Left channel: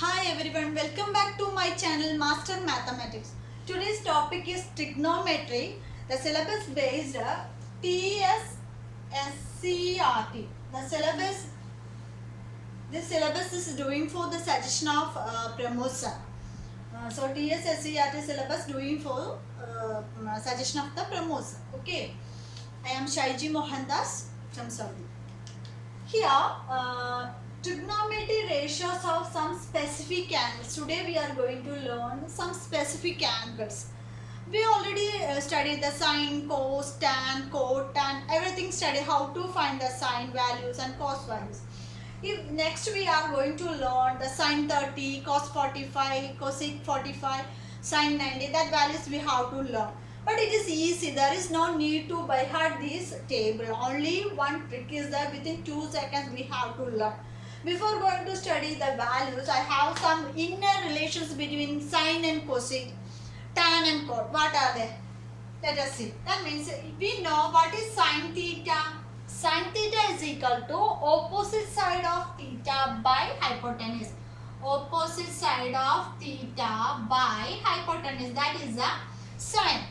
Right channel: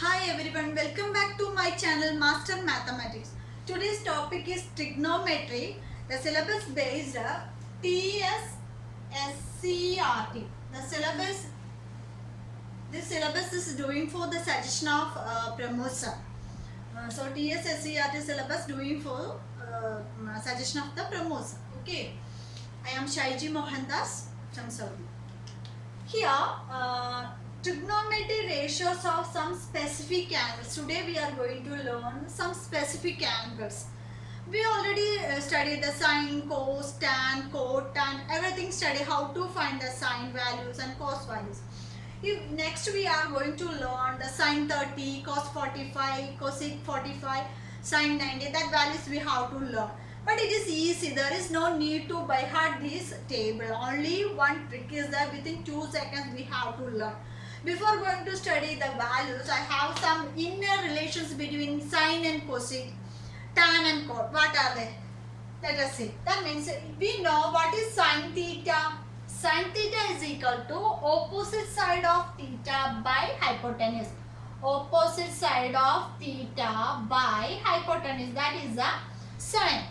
Hi everyone, welcome back to my channel Master Mathematics. Today's topic is trigonometry. The syllabus based TSSCRT. This syllabus is doing for the suggestion of Pramod sir. So TSSCRT syllabus doing for suggestion of the Pramod sir. Okay. I am Shaiji Mohandas from Saudi. Here, trigonometry ratios of some specific angles. Today we are going to learn some specific angles. We already studied the sine, cos, tan, cot, tan, everything study how to find the sine values and cos values. If next we are going to learn the sine 30, cos 45, cosec 45, sine 90, that values we have to learn. But it is easy, there is no need to by heart this table. Only one trick is that within 2 seconds we have to learn. Before going to study the values, I have some inner relations between sine and cosec, tan and cot. What are they? Let us see. That means we know what is sine theta. Sine theta is equal to opposite side of theta by hypotenuse. Opposite side of theta by hypotenuse. That is a sine.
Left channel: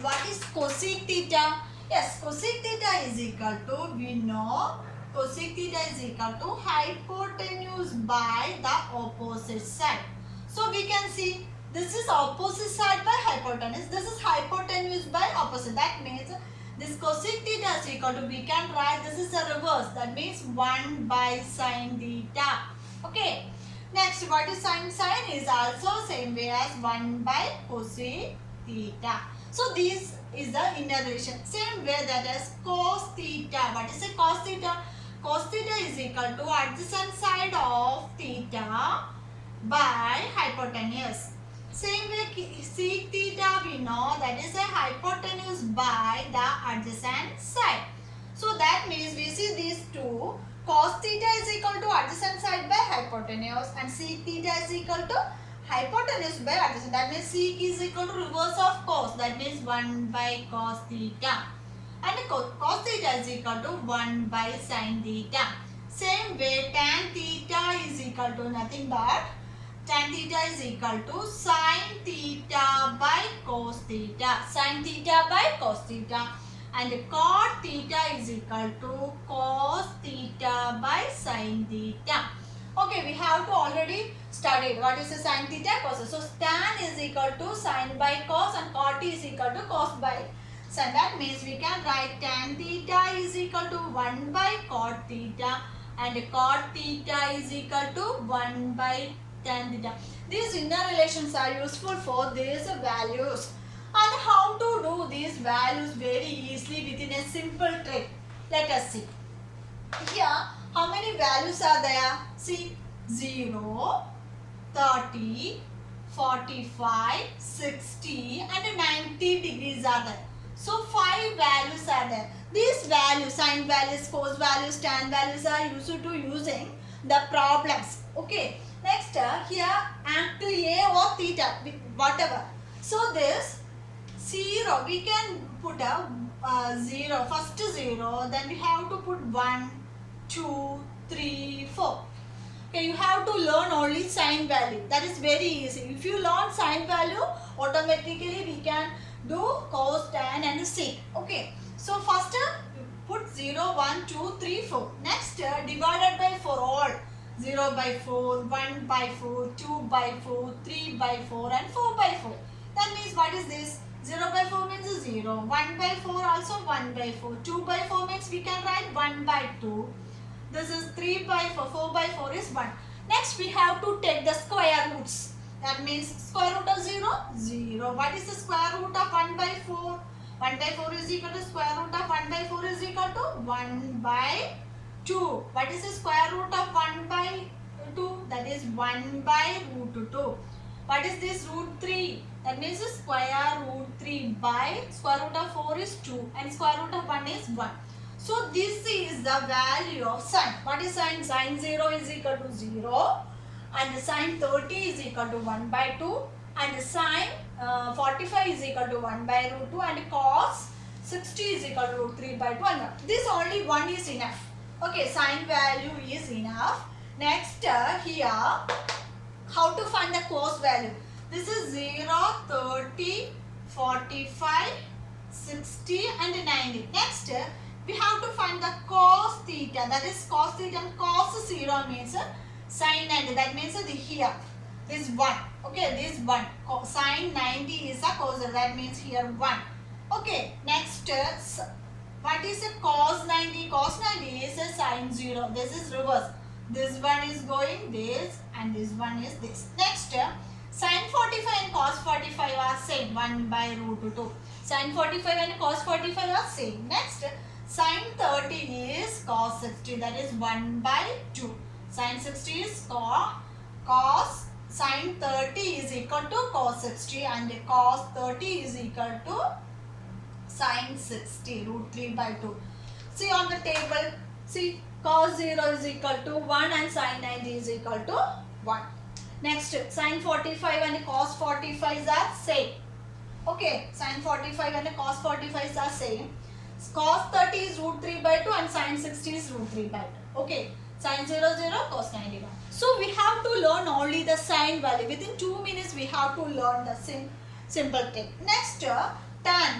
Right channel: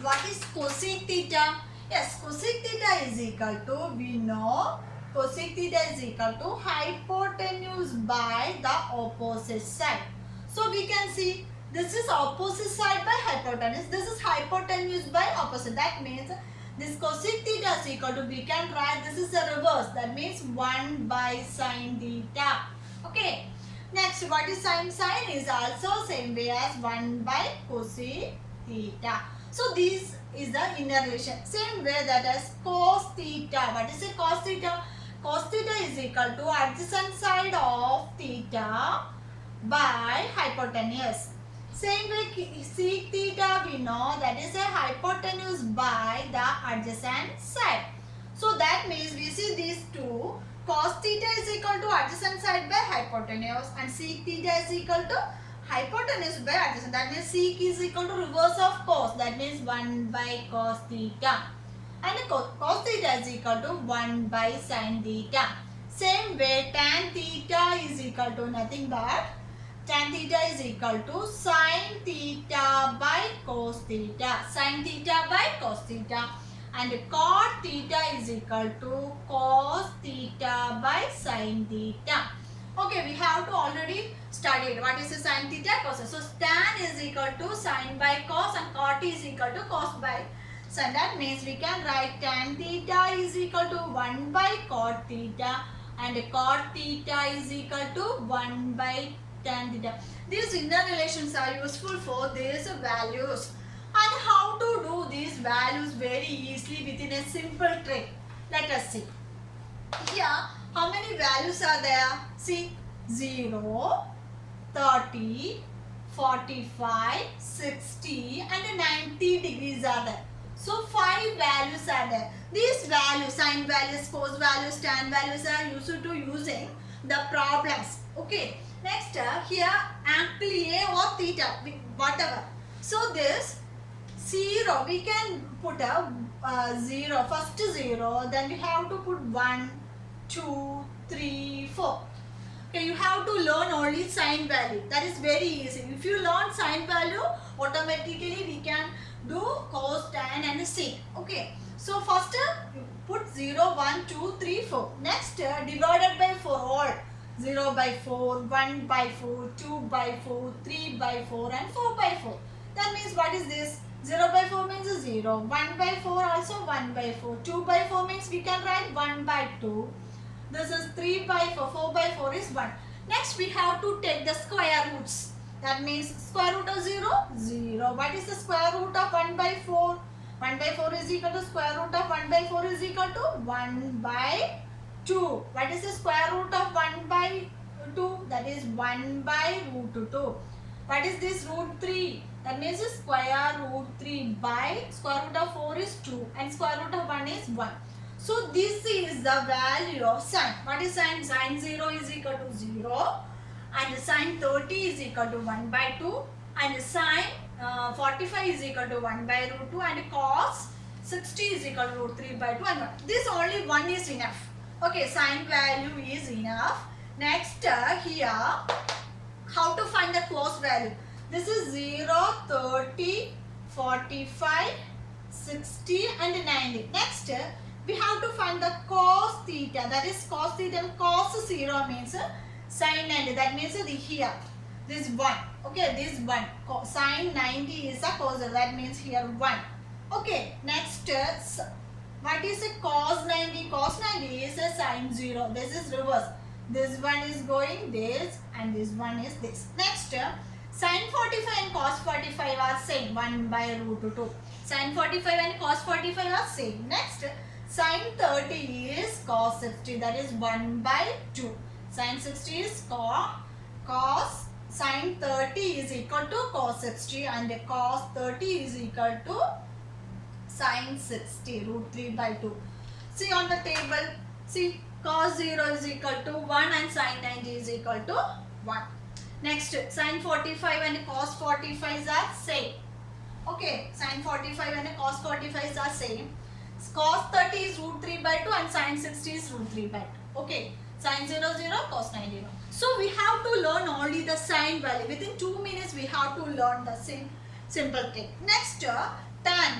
What is cosec theta? Yes, cosec theta is equal to, we know, cosec theta is equal to hypotenuse by the opposite side. So we can see this is opposite side by hypotenuse. This is hypotenuse by opposite. That means this cosec theta is equal to, we can write this is a reverse. That means 1 by sine theta. Okay. Next, what is sine? Sine is also same way as 1 by cosec theta. So this is the inner relation. Same way that is cos theta. What is a cos theta? Cos theta is equal to adjacent side of theta by hypotenuse. Same way sec theta we know that is a hypotenuse by the adjacent side. So that means we see these two. Cos theta is equal to adjacent side by hypotenuse and sec theta is equal to hypotenuse by adjacent. That means sec is equal to reverse of cos. That means 1 by cos theta. And cos theta is equal to 1 by sin theta. Same way tan theta is equal to nothing but tan theta is equal to sin theta by cos theta. Sin theta by cos theta. And cot theta is equal to cos theta by sin theta. Okay, we have to already studied what is the sin theta, cos. So tan is equal to sin by cos and cot is equal to cos by sin. That means we can write tan theta is equal to 1 by cot theta and cot theta is equal to 1 by tan theta. These inner relations are useful for these values. And how to do these values very easily within a simple trick. Let us see. Here, how many values are there? See, 0, 30, 45, 60 and 90 degrees are there. So 5 values are there. These values, sine values, cos values, tan values are used to using the problems. Okay. Next here angle A or theta, whatever. So this 0, we can put a 0, first 0, then we have to put 1, 2, 3, 4. Okay, you have to learn only sine value. That is very easy. If you learn sine value, automatically we can do cos, tan and sec. Okay. So first you put 0, 1, 2, 3, 4. Next divided by 4 all. 0 by 4, 1 by 4, 2 by 4, 3 by 4 and 4 by 4. That means what is this? 0 by 4 means 0. 1 by 4 also 1 by 4. 2 by 4 means we can write 1 by 2. This is 3 by 4. 4 by 4 is 1. Next we have to take the square roots. That means square root of 0? 0. What is the square root of 1 by 4? 1 by 4 is equal to square root of 1 by 4 is equal to 1 by 2. What is the square root of 1 by 2? That is 1 by root 2. What is this root 3? That means the square root 3 by square root of 4 is 2 and square root of 1 is 1. So this is the value of sine. What is sine? Sine 0 is equal to 0 and sine 30 is equal to 1 by 2 and sine 45 is equal to 1 by root 2 and cos 60 is equal to root 3 by 2 and 1. This only 1 is enough. Okay, sine value is enough. Next here How to find the cos value? This is 0, 30, 45, 60 and 90. Next, we have to find the cos theta. That is cos theta and cos 0 means sin 90. That means here. This 1. Okay, this 1. Sin 90 is a cos 0. That means here 1. Okay, next, what is a cos 90? Cos 90 is a sin 0. This is reverse. This one is going this and this one is this. Next, sin 45 and cos 45 are same. 1 by root 2. Sin 45 and cos 45 are same. Next, sin 30 is cos 60. That is 1 by 2. Sin 60 is cos. Sin 30 is equal to cos 60 and cos 30 is equal to sin 60. Root 3 by 2. See on the table. See. Cos 0 is equal to 1 and sin 90 is equal to 1. Next, sin 45 and cos 45 are same. Okay, sin 45 and cos 45 are same. Cos 30 is root 3 by 2 and sin 60 is root 3 by 2. Okay, sin 0, 0, cos 90, 1. So, we have to learn only the sin value. Within 2 minutes, we have to learn the same simple thing. Next, tan.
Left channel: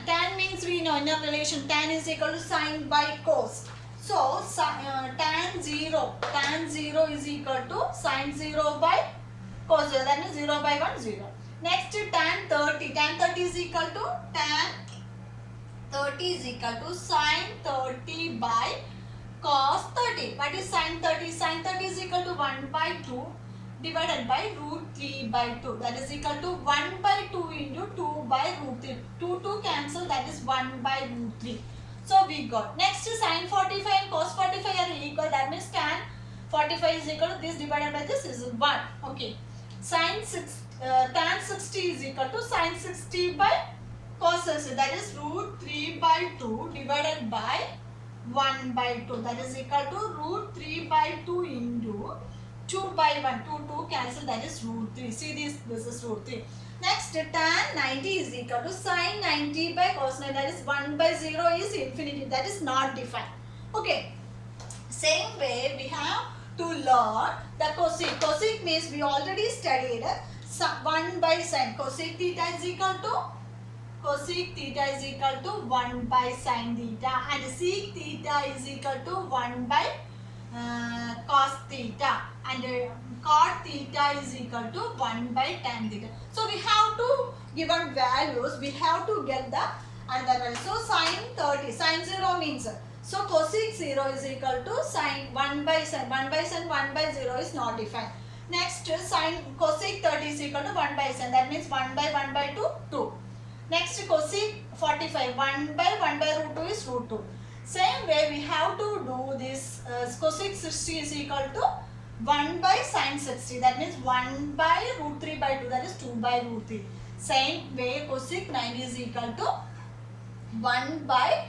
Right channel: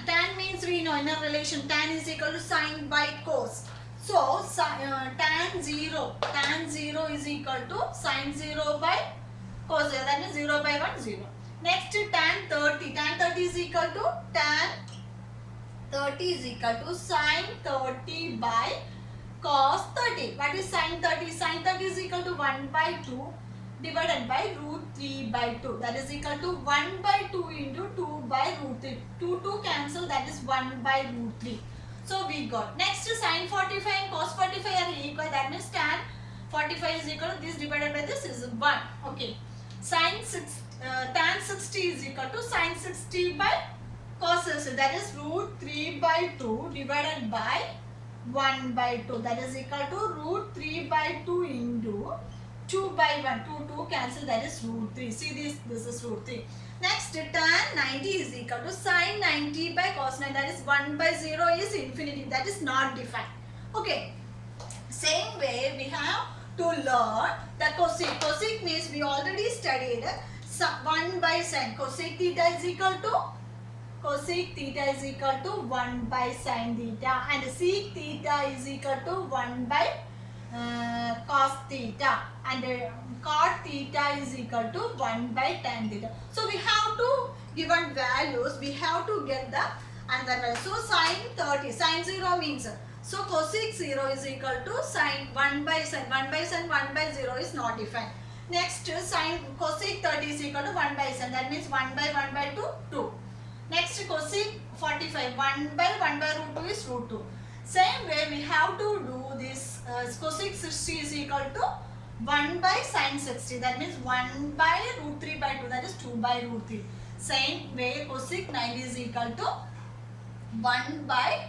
Tan means we know in a relation, tan is equal to sin by cos. So, tan 0 is equal to sin 0 by cos 0. That means 0 by 1, 0. Next, tan 30. Tan 30 is equal to tan 30 is equal to sin 30 by cos 30. What is sin 30? Sin 30 is equal to 1 by 2 divided by root 3 by 2. That is equal to 1 by 2 into 2 by root 3. 2 cancel, that is 1 by root 3. So we got. Next, sin 45 and cos 45 are equal. That means tan 45 is equal to this divided by this is 1. Okay. Tan 60 is equal to sin 60 by cos 60. That is root 3 by 2 divided by 1 by 2. That is equal to root 3 by 2 into 2 by 1. 2 cancel. That is root 3. See this is root 3. Next, tan 90 is equal to sin 90 by cos 90. That is 1 by 0 is infinity. That is not defined. Okay. Same way, we have to learn the cosec. Cosec means we already studied 1 by sin. Cosec theta is equal to 1 by sin theta. And sec theta is equal to 1 by cos theta. And cot theta is equal to 1 by tan theta. So we have to given values, we have to get the another value. So sin 30, sin 0 means, so cosec 0 is equal to sin 1 by sin. 1 by sin, 1 by 0 is not defined. Next, sin cosec 30 is equal to 1 by sin. That means 1 by 2, 2. Next, cosec 45, 1 by root 2 is root 2. Same way we have to do this cosec 60 is equal to 1 by sin 60. That means 1 by root 3 by 2. That is 2 by root 3. Same way cosec 90 is equal to 1 by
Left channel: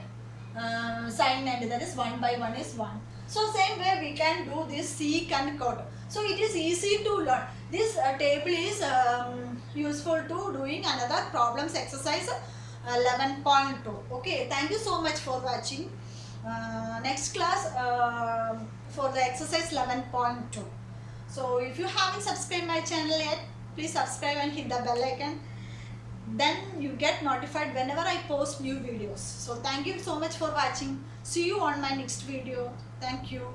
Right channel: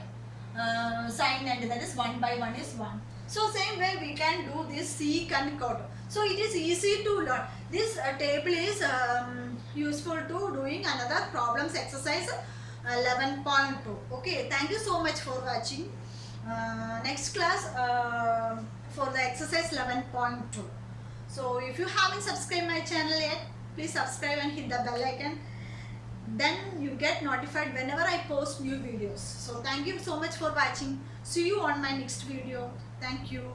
sin 90. That is 1 by 1 is 1. So same way we can do this sec and cot. So it is easy to learn. This table is useful to doing another problems exercise 11.2. Okay, thank you so much for watching. Next class for the exercise 11.2. So if you haven't subscribed my channel yet, please subscribe and hit the bell icon. Then you get notified whenever I post new videos. So thank you so much for watching. See you on my next video. Thank you.